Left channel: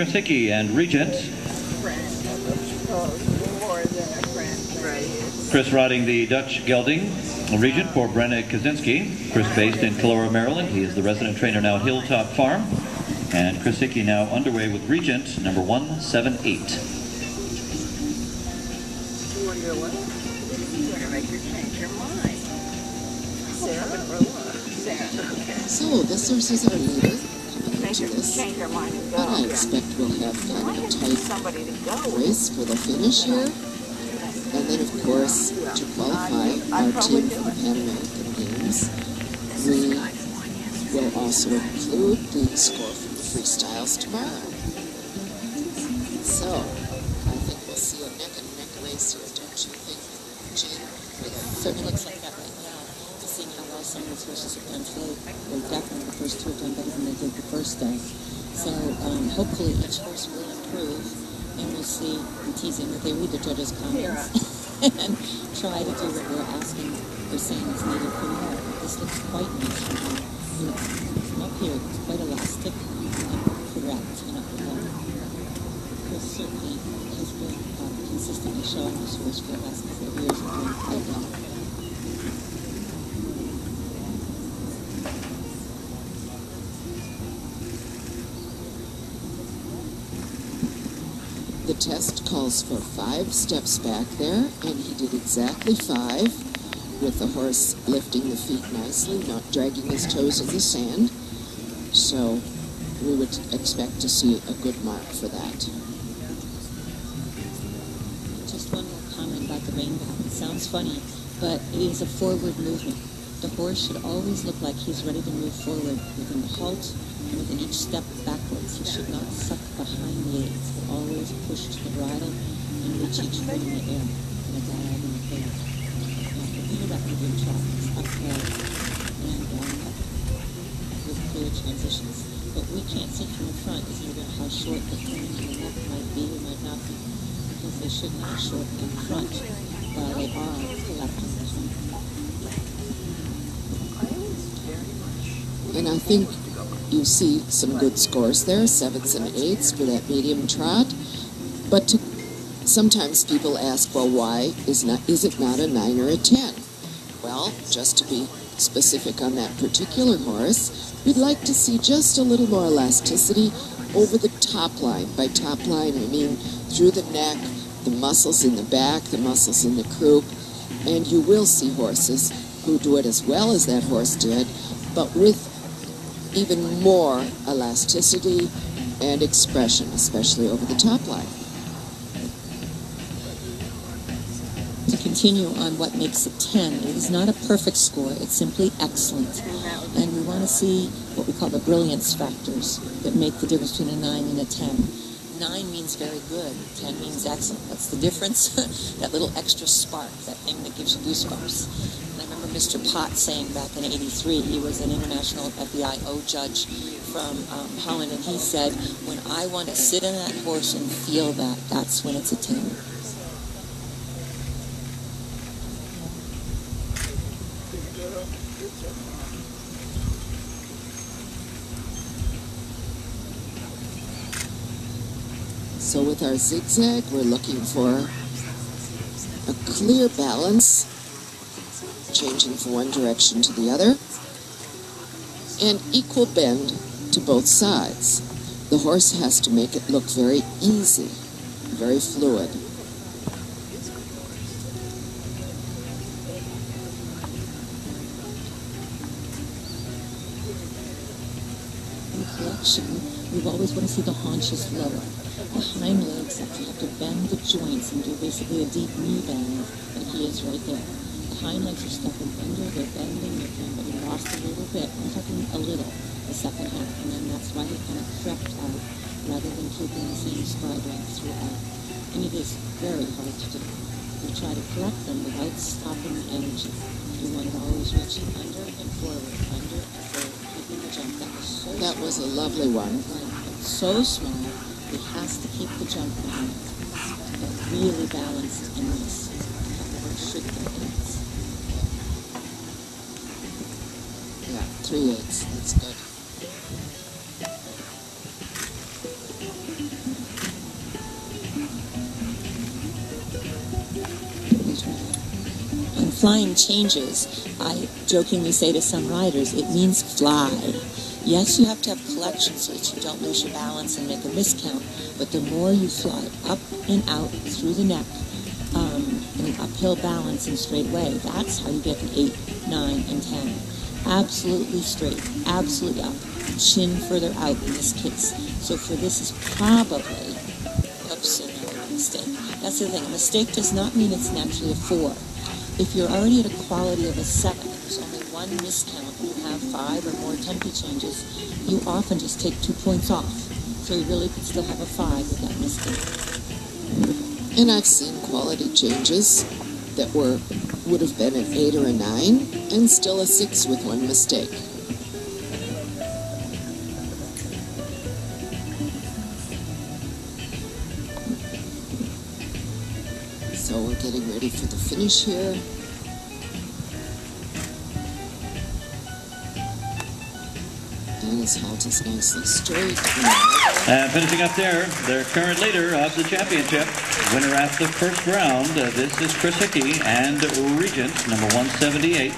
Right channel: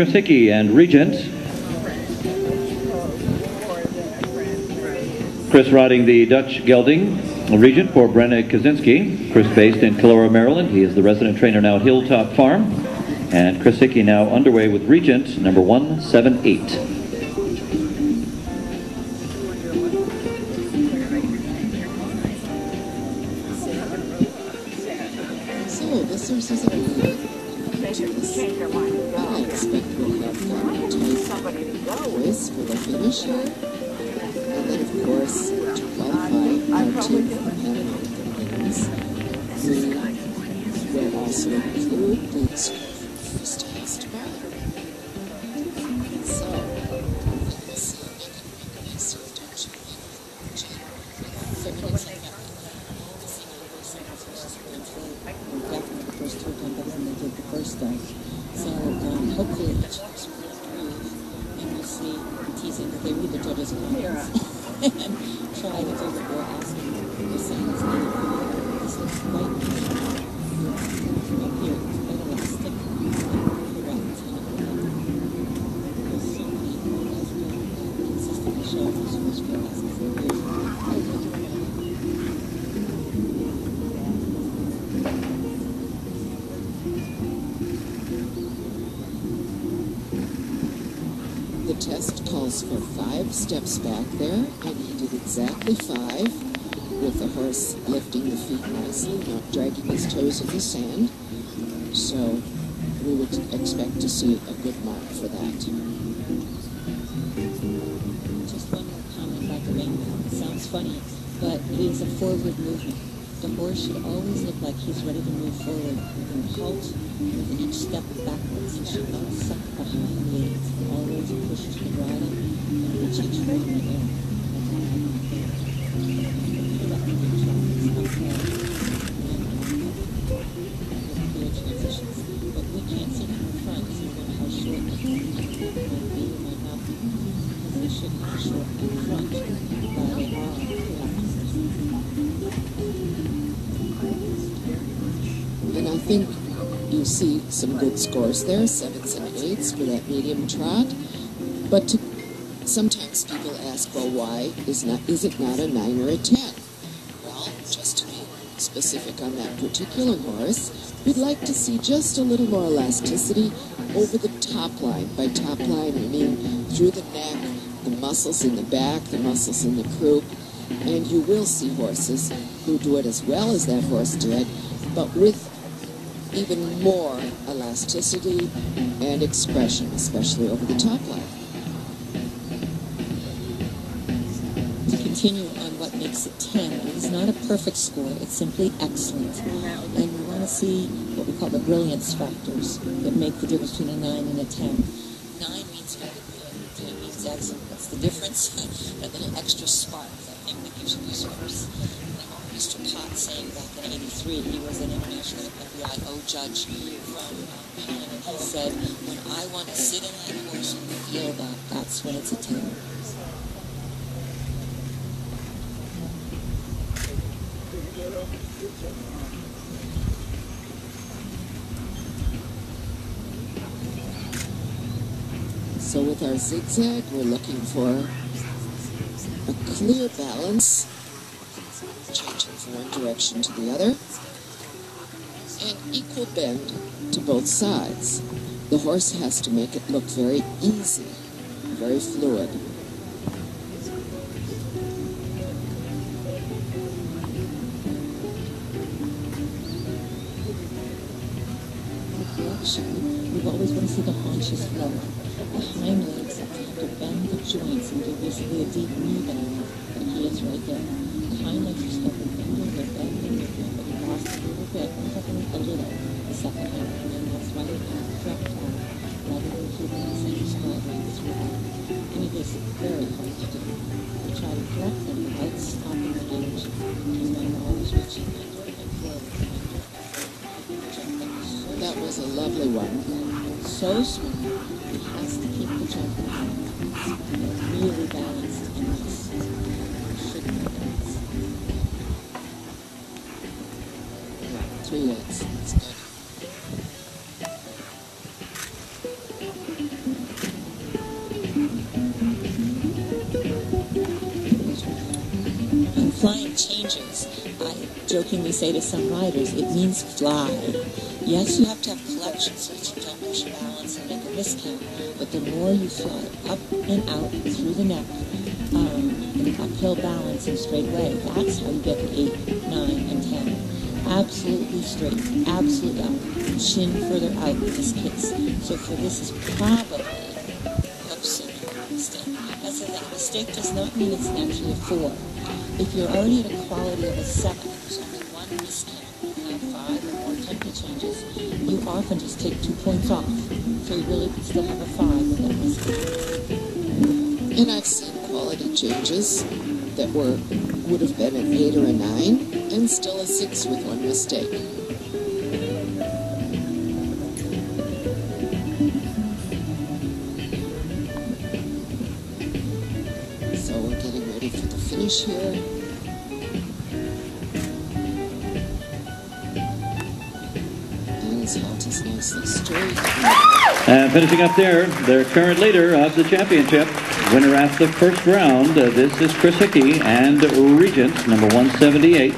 Chris Hickey and Regent. Chris riding the Dutch gelding. Regent for Brenna Kucinski. Chris based in Colora, Maryland. He is the resident trainer now at Hilltop Farm. And Chris Hickey now underway with Regent, number 178. So, the sources are good. They should change their mind and go. I expect we'll have Why fun isn't time. somebody to go with? Chris will finish it. And then, of course, to qualify, I'd probably do it. This is California. We'll also include the score from freestyles tomorrow. So, I think we'll see a neck and neck racer, don't you think, Jayne? So it looks like that right now. To see how those singers versus Wednesday. Definitely the first two times I did the first day. So hopefully each horse will improve. And we'll see teasing that they read the judges' comments. And try to do the best. We're seeing this little this looks quite good. Right here, it's better than a stick. So many consistently show those first few lessons. The test calls for 5 steps back there, and he did exactly 5, with the horse lifting the feet nicely, not dragging his toes in the sand. So we would expect to see a good mark for that. Just one more comment about the rainbow. It sounds funny, but it is a forward movement. The horse should always look like he's ready to move forward. When you halt, each step backwards, it should not suck behind the lead. It's always push to the right and reach each movement. Transitions, but we can't send him in front because he's going to have short legs. He might not be. He should have short in front. And I think you see some good scores there, 7s and 8s for that medium trot. But sometimes people ask, well, why is it not a 9 or a 10? Well, just to be specific on that particular horse, we'd like to see just a little more elasticity over the top line. By top line, I mean through the neck, the muscles in the back, the muscles in the croup, and you will see horses who do it as well as that horse did, but with even more elasticity and expression, especially over the top line. To continue on what makes it 10, it's not a perfect score, it's simply excellent. And we want to see what we call the brilliance factors that make the difference between a 9 and a 10. 9 means very good, 10 means excellent. What's the difference? That little extra spark, that thing that gives you goosebumps. And I remember Mr. Potts saying back in '83, he was an international FBIO judge from Holland, and he said, when I want to sit in that horse and feel that, that's when it's a 10. So with our zigzag, we're looking for a clear balance, changing from one direction to the other, and equal bend to both sides. The horse has to make it look very easy, very fluid. We always want to see the haunches lower. The hind legs have to bend the joints and do basically a deep knee bend. And he is right there. The hind legs are stuck with a little bit better than the knee, but they're lost a little bit, a little, the second hind leg. And that's why they have to drop flat rather than keeping the same spot right through. And it is very hard to do. We try to correct them without stopping the energy. Just like always reaching under and forward under. That was a lovely one. So smooth. He has to keep the jump really balanced. Three eights. That's good. flying changes, I jokingly say to some riders, it means fly. Yes, you have to have collection so that you don't lose your balance and make a miscount, but the more you fly up and out through the neck, uphill balance and straight away, that's how you get 8, 9, and 10. Absolutely straight, absolutely up, chin further out in this case. So for this is probably, oops, mistake. That's the thing, mistake does not mean it's naturally a 4. If you're already at a quality of a 7, there's only one miscount, you have 5 or more tempo changes, you often just take 2 points off. So you really could still have a 5 with that mistake. And I've seen quality changes that would have been an 8 or a 9, and still a 6 with one mistake. So we're getting ready for the finish here. And his halt is nicely straight. And finishing up there, their current leader of the championship, winner after the first round. This is Chris Hickey and Regent, number 178.